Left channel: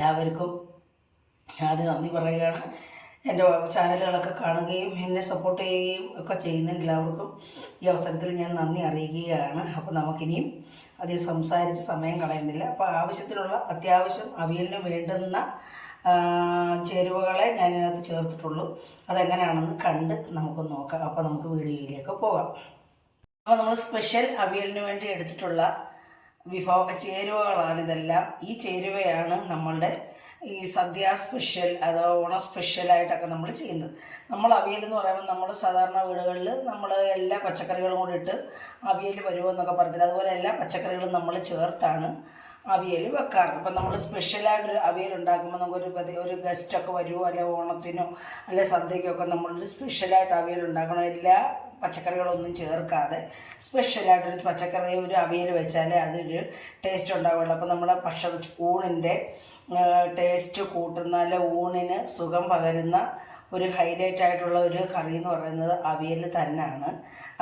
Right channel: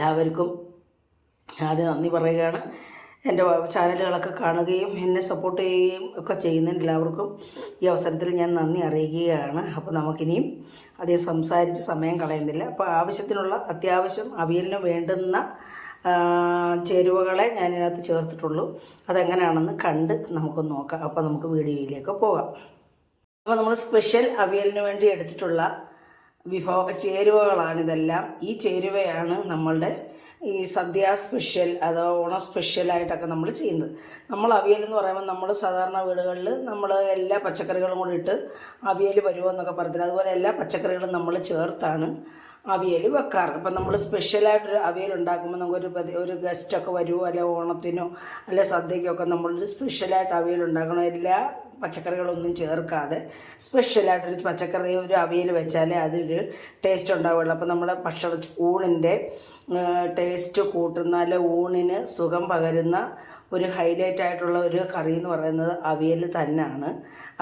എല്ലാവർക്കും ആദ്യം നന്ദി പറയുകയാണ്. എൻ്റെ ചാനലുകളൊക്കെ കാണുകയും എന്നെ സപ്പോർട്ട് ചെയ്യുകയും ഒക്കെ ചെയ്യുന്ന എല്ലാവർക്കും ഈ അവസരത്തിൽ ഞാൻ നന്ദി അറിയിക്കുകയാണ്. അപ്പോൾ നമുക്കിനിയും അധികം സംസാരിച്ച് സമയം കളയുന്നില്ല. അപ്പോൾ അത്യാവശ്യം അവിയലിന് വേണ്ടുന്ന ചേരുവകളെ ഞാനിതിനകത്ത് ചേർത്തിട്ടുള്ളൂ. അതെങ്ങനെയാണെന്ന് കണ്ട് നമുക്കൊന്ന് നോക്കാം. അപ്പോൾ നമുക്ക് വീഡിയോയിലേക്ക് പോകാം. അപ്പോൾ നമ്മൾ സ്പെഷ്യൽ അവിയലിന് വേണ്ടി എടുത്തിട്ടുള്ള ചേരുവകളാണിതെല്ലാം. ഈ ചേരുവയാണ് നമ്മളുടെ ഈ സദ്യ സ്പെഷ്യൽ അതോ ഓണം സ്പെഷ്യലായിട്ടൊക്കെ നമ്മൾ ചെയ്യുന്നത്. നമ്മൾ അവിയൽ എന്ന് പറയുമ്പോൾ നമ്മൾ സാധാരണ വീടുകളിൽ നമ്മൾ എല്ലാ പച്ചക്കറികളും കൂടി ഇട്ട് അവിയൽ വരുമോയെന്നൊക്കെ പറഞ്ഞില്ല. അതുപോലെ എല്ലാ പച്ചക്കറികളും നമ്മൾ ചേർത്താണ് അവിയൽ വെക്കാറ്. അപ്പം നമ്മൾ സ്പെഷ്യലായിട്ടൊരു അവിയൽ ഉണ്ടാക്കുമ്പോൾ നമുക്കൊരു ഗസ്റ്റൊക്കെ വരുമോ, അല്ലെ ഓണത്തിനോ അല്ലെ സദ്യയ്ക്കൊക്കെ നമ്മളൊരു സ്പെഷ്യലായിട്ട് അവിയൽ ഉണ്ടാക്കണം. എല്ലാ പച്ചക്കറികളൊന്നും ചേർക്കാതെ സ്പെഷ്യലായിട്ടൊരു ഒരു അവിയൽ വെച്ചാലേ അതൊരു ടേസ്റ്റ് ഉണ്ടാവുകയുള്ളൂ. അപ്പോൾ നമ്മുടെ ഊണിൻ്റെ ടേസ്റ്റ് കൂട്ടുന്ന അല്ലെ ഊണിന് സുഖം പകരുന്ന ഒരു ഹൈലൈറ്റ് ആയിട്ടുള്ള ഒരു കറി എന്ന് പറയുന്നത് അവിയൽ തന്നെയാണ്.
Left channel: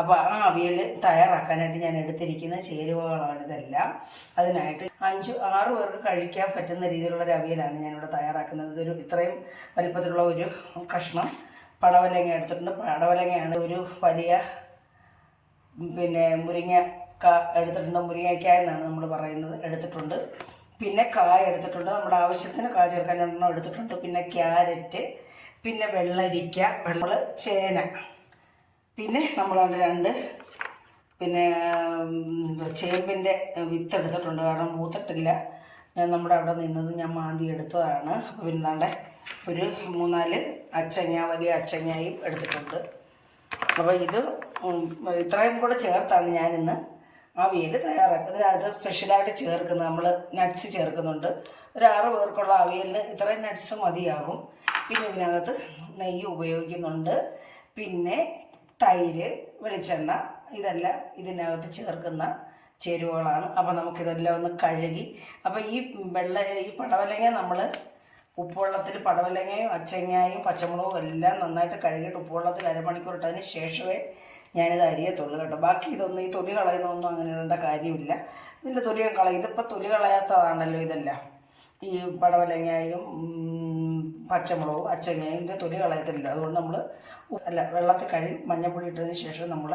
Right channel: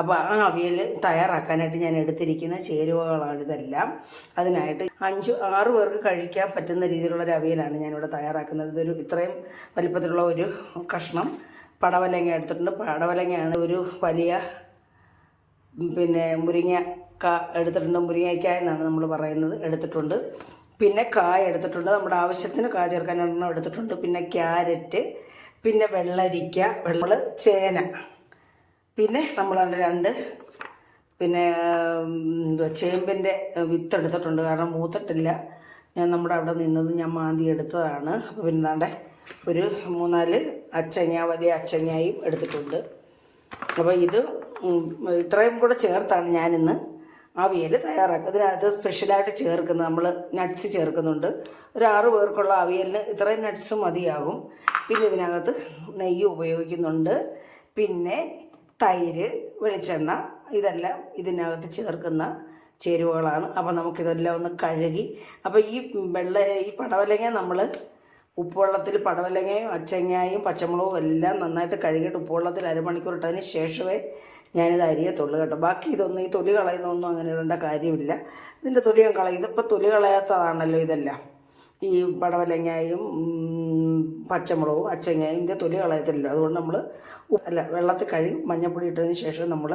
അപ്പോൾ ആ അവിയൽ തയ്യാറാക്കാനായിട്ട് ഞാൻ എടുത്തിരിക്കുന്ന ചേരുവകളാണിതെല്ലാം. അതിനായിട്ട് 5-6 പേർക്ക് കഴിക്കാൻ പറ്റുന്ന രീതിയിലുള്ളൊരു അവിയലാണ് ഞാനിവിടെ തയ്യാറാക്കുന്നത്. ഇത്രയും വലിപ്പത്തിലുള്ള ഒരു കഷ്ണം പടവലങ്ങ എടുത്തിട്ടുണ്ട്. പടവലങ്ങയാണ് ഒരു വലിയ മുരിങ്ങക്ക എടുത്തിട്ടുണ്ട്. മുരിങ്ങയ്ക്ക എന്നാണ് നമ്മൾ പറയുന്നത്, എടുത്തിട്ടുണ്ട്. പിന്നെ കായ എടുത്തിട്ടുണ്ട്, നമ്മുടെ ആവശ്യത്തിന് കായ ചേർക്കാൻ ഒരെണ്ണം എടുത്തിട്ടുണ്ട്. പിന്നെ ക്യാരറ്റ്, പിന്നെ വെള്ളരിക്ക, ചേന, പിന്നെ നമ്മൾ 2 ചേമ്പിൻ്റെ വിത്ത് എടുത്തിട്ടുണ്ട്. കാരണം മൂത്തിട്ടില്ല, നമ്മുടെ അവിടെ നിന്നത് ഞാൻ മാന്തി എടുത്തതാണ്. പിന്നെ ഒരു 3-4 അച്ചങ്ങ, വലിയ അച്ചങ്ങയും എടുത്തിട്ടുണ്ട്. അപ്പോൾ ഇത്രയും കൂടെ ചേർത്താണ് ഞാനിന്ന് അവിയൽ തയ്യാറാക്കുക. ഇതിനകത്ത് സ്പെഷ്യലായിട്ട് ചേർക്കുന്നത് നമ്മൾ നട്ട്സ് ചേർക്കുന്നുണ്ട്. ഒരു 6 പേർക്കുള്ള അവിയലിന് ഇത്രയും നട്ട്സ് മതിയാകും. പിന്നെ ഇതിനകത്ത് നെയ്യ് ഉപയോഗിക്കുന്നുണ്ട്. പിന്നെ തൈര്, വെളിച്ചെണ്ണ, ഇതെല്ലാം ഇതിനകത്ത് ചേർക്കുന്ന ചേരുവകളാണ്. അപ്പോൾ നമുക്കിതെല്ലാം ഒന്ന് കഴുകി, അപ്പോൾ ഈ പടവലങ്ങ നമ്മൾ ഉപ്പുവെള്ളത്തിൽ പടവലങ്ങയും അച്ചങ്ങയും പച്ചമുളകും എല്ലാം നന്നായിട്ട് കഴുകിയിട്ട് ഉപ്പുവെള്ളത്തിൽ അരമണിക്കൂർ ഇട്ടതിന് ശേഷമേ ഞാനിത് അരിയത്തുള്ളൂ കേട്ടോ. ബാക്കി ഈ തൊലി കളയുന്നൊന്നും അങ്ങനെ ഇടേണ്ട കാര്യമില്ല. ഇതിൻ്റെ തൊലി ഞാൻ കളയും. ഇതിപ്പോൾ തൊലി കളയാത്തതാണല്ലോ ഇതെല്ലാം. ഈ പടവലങ്ങയും പച്ചമുളകും അച്ചങ്ങയും ഇതിൻ്റെ തൊലി കളയത്തില്ലല്ലോ. അതുകൊണ്ട് നമ്മൾ വെള്ളത്തിൽ കഴുകി മഞ്ഞൾപ്പൊടി ഇട്ടതിന് ശേഷം നമ്മൾ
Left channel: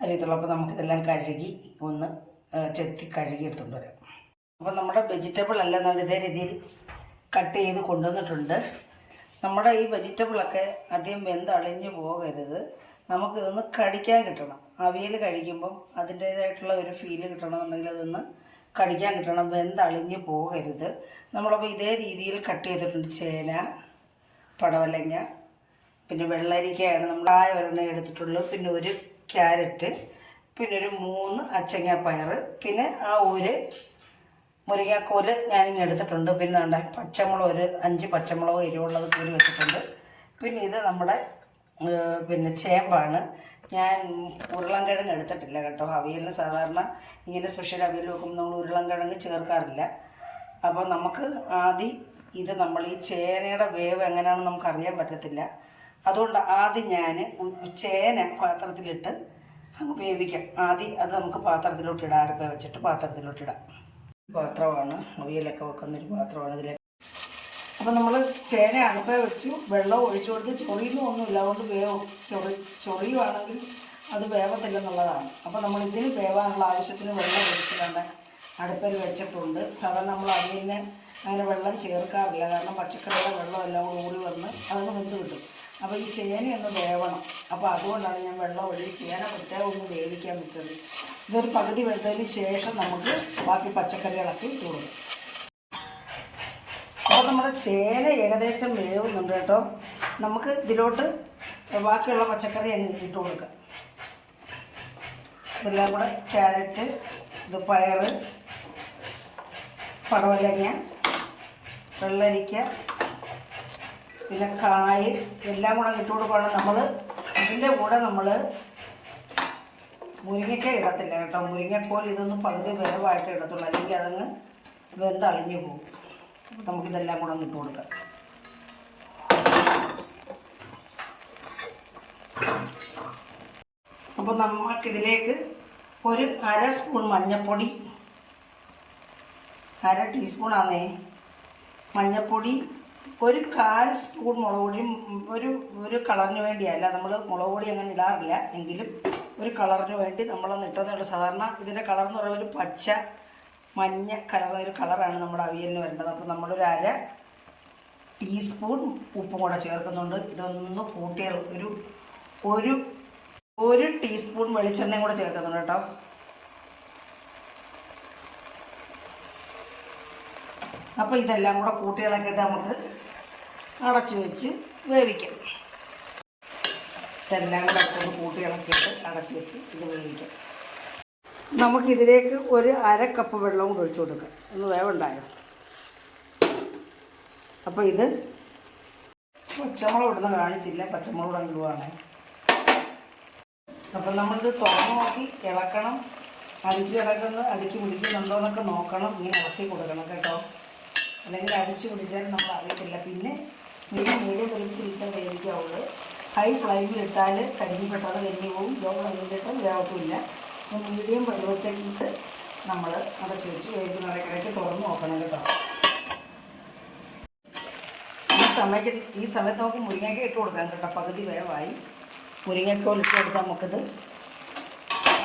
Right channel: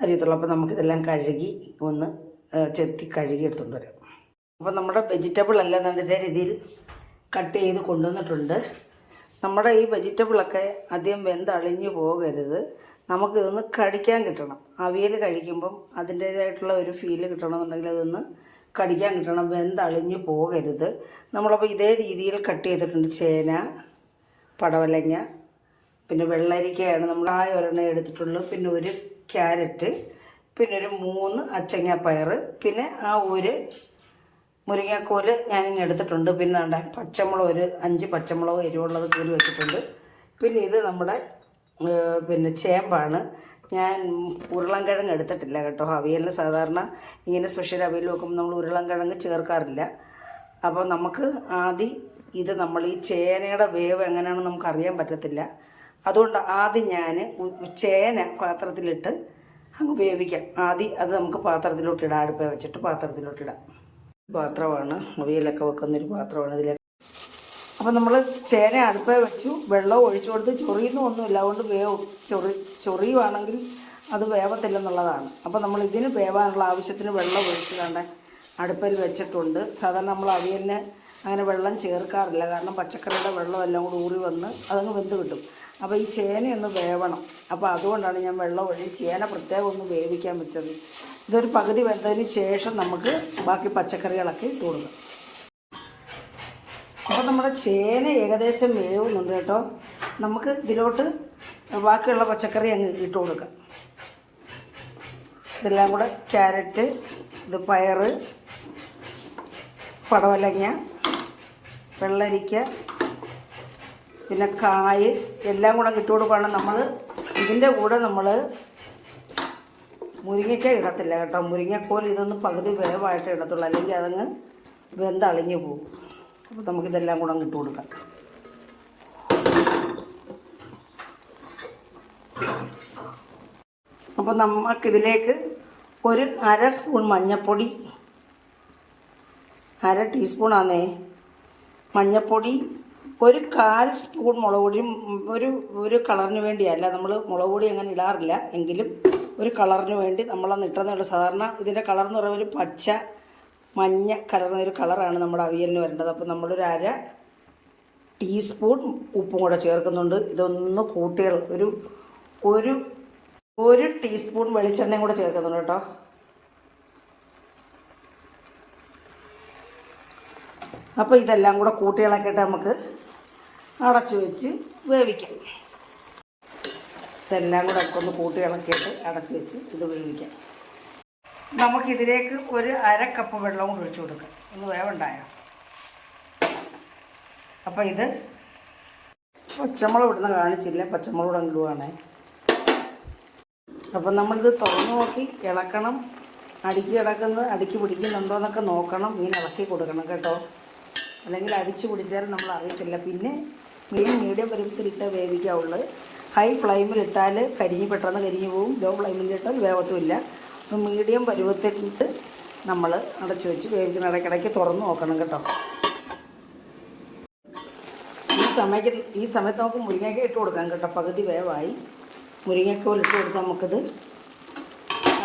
അരിയത്തുള്ളൂ. അപ്പോൾ നമുക്കിതെല്ലാം കഴുകി ഒന്ന് ചെത്തി കഴുകി എടുത്തുകൊണ്ട് വരാം. അപ്പോൾ നമ്മുടെ വെജിറ്റബിൾ എല്ലാം ഇതേ രീതിയിൽ കട്ട് ചെയ്ത് കൊണ്ടുവന്നിട്ടുണ്ട്. നമ്മുടെ ഈ വെജിറ്റബിളൊക്കെ അധികം വെന്തളിഞ്ഞു പോകരുത്. നമുക്കിതൊന്ന് കടിക്കാൻ കിട്ടണം. അവിയൽ കഴിക്കുമ്പം അതിൻ്റേതായിട്ടുള്ള ഒരു ഫീല് കിട്ടണമെന്നുണ്ടെങ്കിൽ അതൊന്ന് കടിക്കാൻ കിട്ടണം, വെന്തളിഞ്ഞു പോകരുത്. നമ്മളപ്പോൾ ഇതേ രീതിയിൽ കട്ട് ചെയ്തിട്ടുണ്ട്. ചേന, പടവലങ്ങ, പിന്നെ വെള്ളരിക്കയാണ് നമ്മൾ ഒരെണ്ണം എടുത്തിട്ടുള്ളൂ. പിന്നെ ഒരു ക്യാരറ്റ്, പിന്നെ ഒരു 3 അച്ചങ്ങാപ്പയർ, പിന്നെ ഒരു മുരിങ്ങാക്കോല് ഞാനിങ്ങനെ എടുത്തിട്ടുണ്ട്. പിന്നെ പച്ചമുളക്, ഒരു 5 പച്ചമുളക് എരിവുള്ളത് കീറി വെച്ചിട്ടുണ്ട്. പിന്നെ ഇത് നമ്മുടെ ചേമ്പാണ്. ഞാൻ ഉരുളൻകിഴങ്ങ് എടുത്തിട്ടില്ല കേട്ടോ. അവിയലിന് സാധാരണ ഇങ്ങനെ സ്പെഷ്യൽ അവിയൽ വെക്കുമ്പോൾ നമ്മൾ ഉരുളൻകിഴങ്ങ് ചേർക്കാറില്ല. അപ്പോൾ നമുക്ക് ആദ്യം നമ്മൾ ഈ ചേനയുടെ വേവ് എങ്ങനെയാണെന്ന് നമുക്കറിയാൻ പറ്റത്തില്ല. അതുകൊണ്ട് ആദ്യം ഞാൻ ചേന പാത്രത്തിലിട്ട് അങ്ങ് വേവിക്കാം. അത് നമുക്ക് പാത്രത്തിലോട്ടിടാം. അടുപ്പ വെച്ചിട്ട് പാത്രത്തിലോട്ടിടാം. പാത്രമാണ് അവിയലൊക്കെ വെക്കുന്നൊരു പാത്രമാണ് ഇതിലേക്ക്. അപ്പോൾ നമ്മൾ ചേന അടുപ്പേ വെച്ചു, വെള്ളം ഒഴിച്ചു കൊടുത്ത് ചൊറിയുന്നൊന്നുമില്ല. അതുകൊണ്ട് ചൊറിയുവാണെങ്കിൽ അത് വേവത്തില്ലെന്നുള്ളതാണ്. അപ്പോൾ നമ്മൾ ഇതിന് വേവാനുള്ള ആവശ്യത്തിന് വെള്ളം ഒഴിച്ച് അടുപ്പിൽ വെച്ചിട്ടുണ്ട്. സാധാരണ നമ്മൾ അവിയലിന് അങ്ങനെ വെള്ളം ചേർക്കാറില്ല. കാരണം പച്ചക്കറിയുടെ വെള്ളം എല്ലാം കൂടി ഊറി വന്ന് അതങ്ങ് വെന്ത് കിട്ടും. അപ്പോൾ ഈ ചേനയൊന്ന് വേവണം. അപ്പോൾ അതുകൊണ്ടാണ് ഞാൻ വെള്ളം ഒഴിച്ച് ചേന പ്രത്യേകം ഒന്ന് വേവിക്കാൻ വെച്ചത്. ഇതൊരു പകുതി വെന്തതിന് ശേഷം നമുക്ക് ബാക്കി പച്ചക്കറികളൊക്കെ ഇട്ട് കൊടുക്കാം. അപ്പോൾ നമ്മുടെ ചേന ഏകദേശം വേവുന്നുണ്ട് കേട്ടോ. നമുക്ക് ഇതിലോട്ട് ബാക്കിയുള്ള പച്ചക്കറി അങ്ങ് ഇട്ട് കൊടുക്കാം. ഇതെല്ലാം കൂടെ ക്യാരറ്റ്, പയർ, പടവലങ്ങ, വെള്ളരിക്ക, പിന്നെ കായ് എല്ലാം കൂടെ ഇട്ട് കൊടുക്കുകയാണ്. ഇതിൻ്റെ കൂടെ നമ്മൾ മുരിങ്ങയ്ക്ക ഇടത്തില്ല കേട്ടോ. മുരിങ്ങക്കോൽ ഇതൊന്ന് പകുതി വേവായിട്ട് ഇടത്തുള്ളൂ, അല്ലെങ്കിൽ അതങ്ങ് വെന്തളിഞ്ഞു പോകും. അപ്പോൾ നമുക്കിതെല്ലാം കൂടെ ഇട്ട് കൊടുക്കാം. അപ്പോൾ നമുക്കിതിലേക്ക് ഒരു 1/2 സ്പൂൺ മഞ്ഞൾപ്പൊടി, 1/2 ടീസ്പൂണാന്നേ മഞ്ഞൾപ്പൊടി, ഒരു 1/4 സ്പൂൺ മുളക് പൊടിയും, ഒരു കളറിന് വേണ്ടിയല്ല, നമ്മൾ മുളക് പൊടി അങ്ങനെ ഇടാറില്ല, എങ്കിലും ഒരു കളറിന് വേണ്ടി നമ്മളന്ന് ഇട്ടുന്നതാണ്. സാധാരണ ഇതിൻ്റെ കളർ എന്ന് പറയുമ്പോൾ ഒരു പച്ച മഞ്ഞ കലർന്ന ഒരു കളറാണ് നമ്മുടെ അവിയലിന് വരേണ്ടത്. അപ്പോൾ നമ്മളൊരു 1/2 ടീസ്പൂൺ ഉപ്പും കൂടെ ചേർക്കുന്നുണ്ട്. ഇതൊന്ന് കൂട്ടികൾ ഒരു ടീസ്പൂൺ വെളിച്ചെണ്ണയും കൂടെ ചേർക്കുന്നുണ്ട് കേട്ടോ. അപ്പോൾ ഇതെല്ലാം കൂടെ കൂട്ടികളൊക്കെയിട്ട് നമുക്ക് അടച്ചു വെച്ച് വേവിക്കാം. ഇതെല്ലാം കൂടെ ഒന്ന് കൂട്ടികളൊക്കെയിട്ട് അടച്ചു വെച്ച് ഇത് വേവിക്കാം. നമുക്കിതിലേക്ക് ഒരു 1/2 കപ്പ് വെള്ളം കൂടെ ഒഴിച്ചു കൊടുക്കാം. ഒന്ന് വേവുണ്ടായോ? അപ്പോൾ ഇത് പച്ചമുളക് ഇടുന്ന കാണിച്ചില്ല, പച്ചമുളക് കൂടെ ഇടുവാണ്. അപ്പം നമ്മളിത് തുറന്നു നോക്കി ഇളക്കണം. അടുക്കി പിടിക്കുന്നുണ്ടോ എന്നൊക്കെ നോക്കണം. ഇങ്ങനെ ഇളക്കി കൊടുക്കണം കേട്ടോ, അല്ലെങ്കിൽ അടിച്ചു പിടിച്ചാൽ നമ്മൾ അറിയത്തില്ല. പിന്നെ മീഡിയം പരുവത്തിലിട്ട് വേവിക്കാവുള്ളൂ. ഹൈ ഫ്ലെയിമിലിട്ടാൽ പെട്ടെന്ന് കരിഞ്ഞു പോകും. ലോ ഫ്ലെയിമിലിട്ടാൽ വേവത്തുമില്ല. മീഡിയം പരുവത്തിലിട്ട് നമ്മൾ അടച്ചു വെച്ച് വേവിക്കുന്ന ഇടയ്ക്കിടയ്ക്ക് തുറന്ന് നോക്കണം കേട്ടോ. ഈ സമയത്ത് നമുക്ക് മുരിങ്ങയ്ക്ക ഇട്ട് കൊടുക്കാം കേട്ടോ. പകുതി വേവായി. മുരിങ്ങക്കോൽ ഇട്ട് കൊടുത്താൽ നമുക്കിത്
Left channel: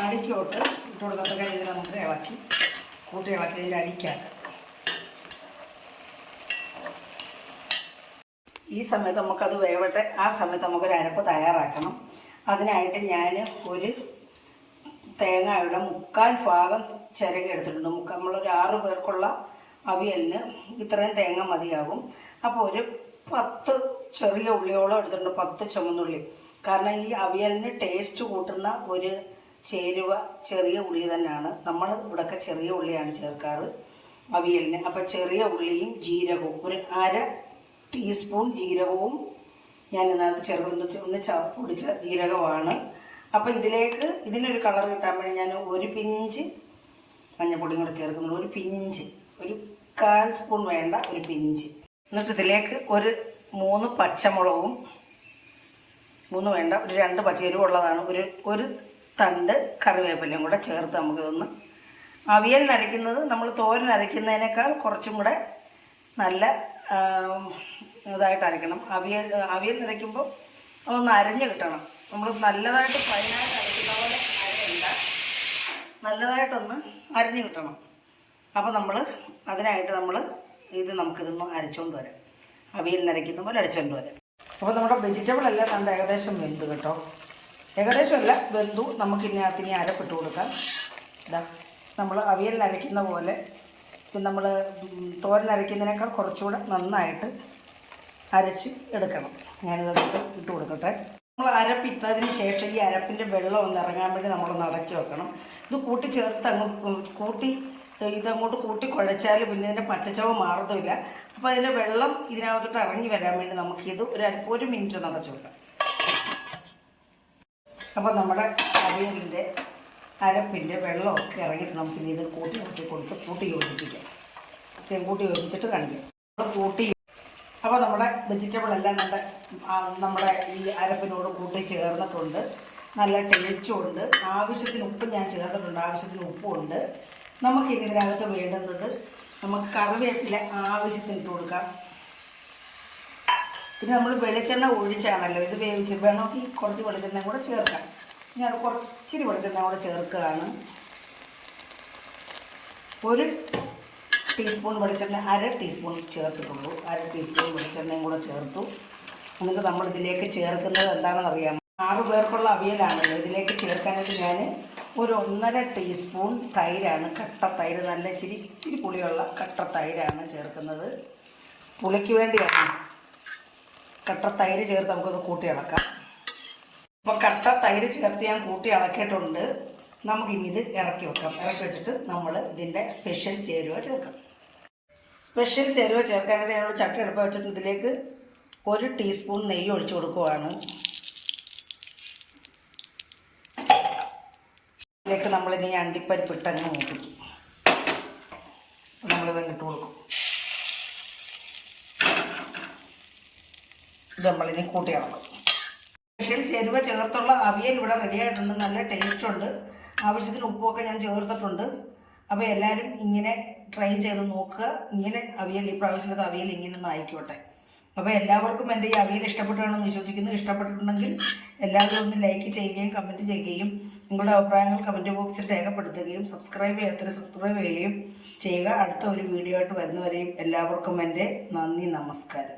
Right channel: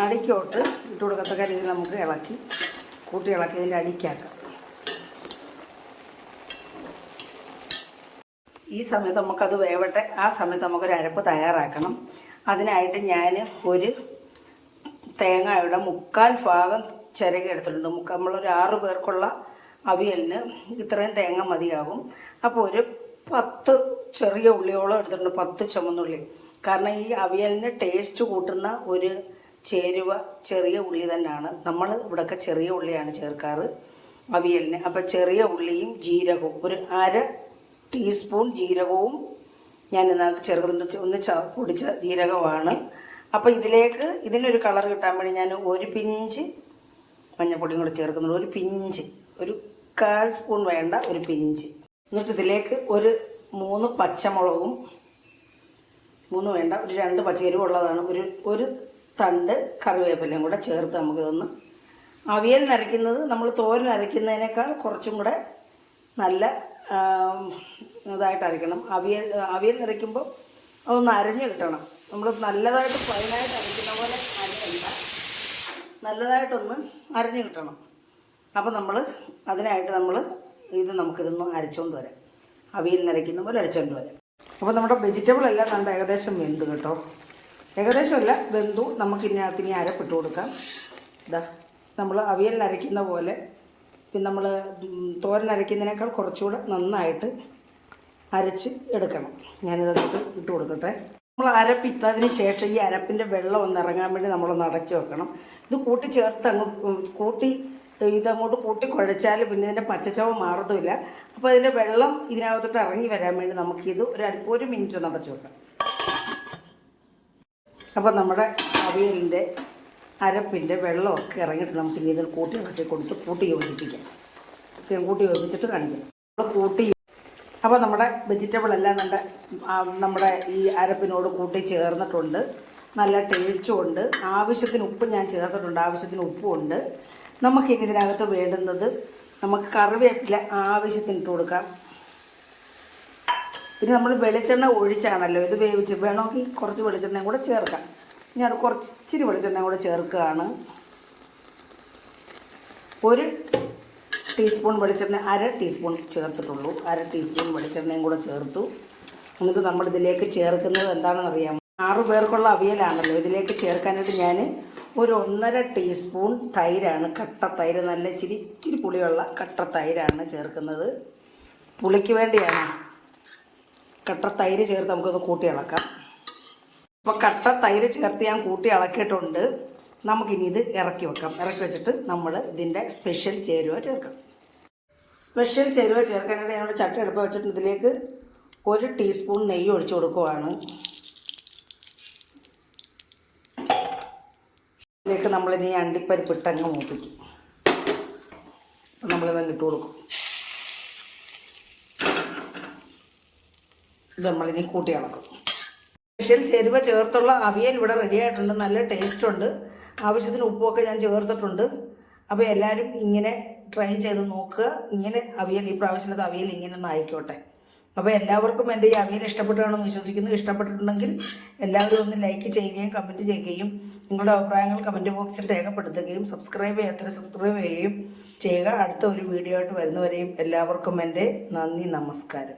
അടിക്കോട്ട് ഇട്ട് കൊടുക്കത്തക്ക രീതിയിൽ നമുക്ക് കൂട്ടി ഇളക്കി ഇതിൻ്റെ അടിക്കാക്കാം. ഈ സമയത്ത് നമുക്കത് വേവട്ടെ. ആ സമയത്ത് നമുക്കൊരു അരപ്പ് തയ്യാറാക്കണം. അതിനായിട്ട് ഞാൻ ഒരു തേങ്ങയുടെ 1/4 ഭാഗം ചിരകി എടുത്തിട്ടുണ്ട്. നമ്മളൊരു 6 പേർക്കുള്ള അവിയലിന് ഇത്രയും തേങ്ങ മതിയാകും. അപ്പോൾ ഒരു 10 ചെറിയ ഉള്ളിയോളം എടുത്തിട്ടുണ്ട്, 10 ചുമന്നുള്ളി. കാരണം ഈ അവിയലിന് ടേസ്റ്റ് കൂട്ടുന്ന ഒരു ചേരുവ ചെറിയ ഉള്ളി തന്നെയാണ്. നമ്മൾ ഇവിടെയൊക്കെ ചെറിയ ഉള്ളിയാണ് ചേർക്കാറ് അവിയലിന്. അപ്പോൾ ചെറിയ ഉള്ളിയും ജീരകവും, ഒരു 1/2 ടീസ്പൂൺ ജീരകവും ഞാൻ ഇതിനകത്ത് ചേർക്കുന്നുണ്ട്. ഒന്ന് പൊടിച്ച ജീരകമാണ്. അപ്പോൾ ഇതിനൊരു കളർ കിട്ടാൻ വേണ്ടി ഞാൻ ഒരു പിഞ്ച് മഞ്ഞൾപ്പൊടിയും കൂടെ ചേർക്കുന്നുണ്ട്. ഒരു പിഞ്ച്, ഒരു 1/4 സ്പൂൺ വേണ്ട, ഒരു പിഞ്ച്. എന്നിട്ട് ഇതിലേക്ക് ഒരു 3 പച്ചമുളകും, 3 വേണ്ട, ഒരു 2 പച്ചരിവുള്ളതാണ്, ഒരു തണ്ട് കറിവേപ്പിലയും കൂടെ ചേർത്ത് നമുക്കിതൊന്ന് അവിയലിനരയ്ക്കുന്നത്, നമ്മൾ തോരനരയ്ക്കുന്നതിനേക്കാൾ കുറച്ചും കൂടെ നല്ല ഇതായിട്ട് അരയ്ക്കണം. അവിയലിനരയ്ക്കുമ്പോൾ അതൊന്ന് അരഞ്ഞ് കിട്ടണം. നമ്മൾ നല്ലതായിട്ട് ഫൈനായിട്ട് അരയ്ക്കുന്ന പോലെ അരയണ്ട, നല്ലതായിട്ടൊന്ന് അരഞ്ഞ് കിട്ടണം. അപ്പോൾ അതിനായിട്ട് നമുക്കിതൊന്ന് അരച്ചുകൊണ്ട് വരാം. അവിയലിനരയ്ക്കുന്ന പോലെ അരച്ചുകൊണ്ട് വരാം. അപ്പോൾ നമ്മുടെ വെജിറ്റബിൾ എല്ലാം നമ്മുടെ ഏകദേശം വെന്തു കേട്ടോ. ഏകദേശമല്ല, വെന്തു. നമുക്കിതിനകത്ത് അരപ്പിട്ട് കൊടുക്കാം. നമ്മൾ അവിയലിനരയ്ക്കുന്ന പോലെ, നമ്മൾ തോരനരയ്ക്കുന്നതിനേക്കാൾ കുറച്ചുകൂടെ നന്നായിട്ട് അരച്ച് എടുക്കണം. ഞാനിതങ്ങോട്ട് ഇട്ട് കൊടുക്കട്ടെ. നമ്മൾ അരപ്പിട്ടതിന് ശേഷം ഈ അരപ്പിൻ്റെ വെള്ളം ഒന്ന് ഇറങ്ങാൻ വേണ്ടി നമ്മളൊന്ന് അടച്ച് വെക്കണം. ഇത് ഇതങ്ങോട്ട് കൂട്ടി കുഴച്ചാൽ പിന്നെ ഇതിൻ്റെ പച്ചച്ചവ മാറത്തുമില്ല. അപ്പോൾ അതിൻ്റെ വെള്ളം ഇതിനകത്തോട്ട് ഇറങ്ങി വരാൻ വേണ്ടി നമുക്കിത് ഒരു മിനിറ്റ് ഒന്ന് അടച്ച് വെക്കാം. അപ്പോൾ നമ്മുടെ അവിയലിൻ്റെ അരപ്പിൻ്റെ വെള്ളമൊക്കെ ഇറങ്ങിയിട്ട് നമുക്കിനി ഇതിൽ കൂട്ടി യോജിപ്പിക്കാം. കൂട്ടി യോജിപ്പിച്ചിട്ട് കാണിക്കാം. അപ്പോൾ നമ്മുടെ വെജിറ്റബിൾ എല്ലാം നമ്മുടെ ഈ അരപ്പിനോട് കൂട്ടി ചേർന്നിട്ടുണ്ട്. നല്ല ടേസ്റ്റും ഉണ്ട്. ആവശ്യത്തിന് ഉപ്പ് ഞാൻ ചേർത്തിട്ടുണ്ട്, ആവശ്യത്തിന് ഉപ്പുമുണ്ട്. നമുക്കിനി ഇതിനകത്ത് വേണ്ടുന്നത്, നമുക്ക് കറിവേപ്പില ആവശ്യത്തിന് ഇട്ട് കൊടുക്കാം. പിന്നെ നമ്മൾ വെളിച്ചെണ്ണ ഒഴിച്ചാണല്ലോ ഇത് വേവിച്ച്, വേണമെങ്കിൽ കുറച്ച് വെളിച്ചെണ്ണയും കൂടെ ചേർക്കാം. ഞാൻ ഇച്ചിരി വെളിച്ചെണ്ണയും കൂടെ ചേർക്കുകയാണ്. 1 ടീസ്പൂൺ വെളിച്ചെണ്ണ, 1/2 ടീസ്പൂൺ ചേർത്തിട്ടുള്ളൂ. 1/2 ടീസ്പൂൺ വെളിച്ചെണ്ണയും കൂടെ ചേർത്തു. എന്നിട്ട് നമ്മളിതിലേക്ക് ചേർക്കുന്നത് എന്താണെന്നറിയാമോ? 6 പേർക്കുള്ള അവിയലാണല്ലോ. ഇതിലേക്ക് ചേർക്കാനായിട്ട് ഞാൻ ഒരു 1.5 ടീസ്പൂൺ തൈരാണ്, കട്ട തൈര്, നല്ല ഇച്ചിരി പുളിയുള്ള കട്ട തൈരാണ് ചേർക്കുന്നത്. പുളിക്ക് വേണ്ടിയാണ് കട്ട തൈര് ചേർത്ത് നമുക്കൊന്ന് കൂട്ടി ഇളക്കാം. അപ്പോൾ കട്ട തൈര് ചേർത്ത് ഞാൻ കൂട്ടി ഇളക്കിയിട്ടുണ്ട്. നമുക്കിനി ഇത് ഇറക്കി വെക്കാം. ഇറക്കി വെച്ചിട്ട് നമ്മൾ ഇതിൻ്റെ സ്പെഷ്യൽ ചേരുവ ചേർക്കാം. സ്പെഷ്യൽ ചേരുവ ചേർക്കാനായിട്ട് ഞങ്ങൾ ചട്ടി അടുപ്പ് വെച്ചിട്ട് ഇതിലേക്ക് 1 ടീസ്പൂൺ നെയ്യ് ഒഴിച്ചു കൊടുക്കുവാണ്. ഇതിലേക്ക് നമ്മളിനി അണ്ടിപ്പരിപ്പ് ഇട്ടങ്ങ് മൂപ്പിക്കും. നമ്മളിതങ്ങ് ഇട്ട് കൊടുക്കും. ഇത് നമ്മളിനി കൂട്ടി ഇളക്കും. സ്പെഷ്യൽ ചേരുവ ചേർത്തുള്ള അവിയൽ ഇവിടെ റെഡി ആയിട്ടുണ്ട്. നല്ല ടേസ്റ്റുണ്ട്. ആവശ്യത്തിന് ഉപ്പൊക്കെ ഞാൻ ചേർത്തിട്ടുണ്ട്. അപ്പോൾ എല്ലാവരും ഇങ്ങനെ ട്രൈ ചെയ്ത് നോക്കുക. ഇങ്ങനെ അവിയൽ, ഈ പ്രാവശ്യത്തെ അവിയൽ ഇങ്ങനെ ഒന്ന് ആയിക്കോട്ടെ. അപ്പോൾ എല്ലാവർക്കും എൻ്റെ ഈ അവിയൽ ഇഷ്ടപ്പെട്ടാണെന്ന് വിശ്വസിക്കുന്നു. ഇഷ്ടപ്പെട്ടിട്ടുണ്ടെങ്കിൽ എല്ലാവരും ഒന്ന് ലൈക്ക് ചെയ്യുകയും കമൻറ്റ് ചെയ്യുകയും നിങ്ങളുടെ അഭിപ്രായങ്ങൾ കമൻറ്റ് ബോക്സിൽ രേഖപ്പെടുത്തുകയും സബ്സ്ക്രൈബ് ചെയ്യുക. അടുത്ത ഒരു വീഡിയോ ആയിട്ട് വരുന്നവരെയും എല്ലാവർക്കും എൻ്റെ നന്ദി, നമസ്കാരം.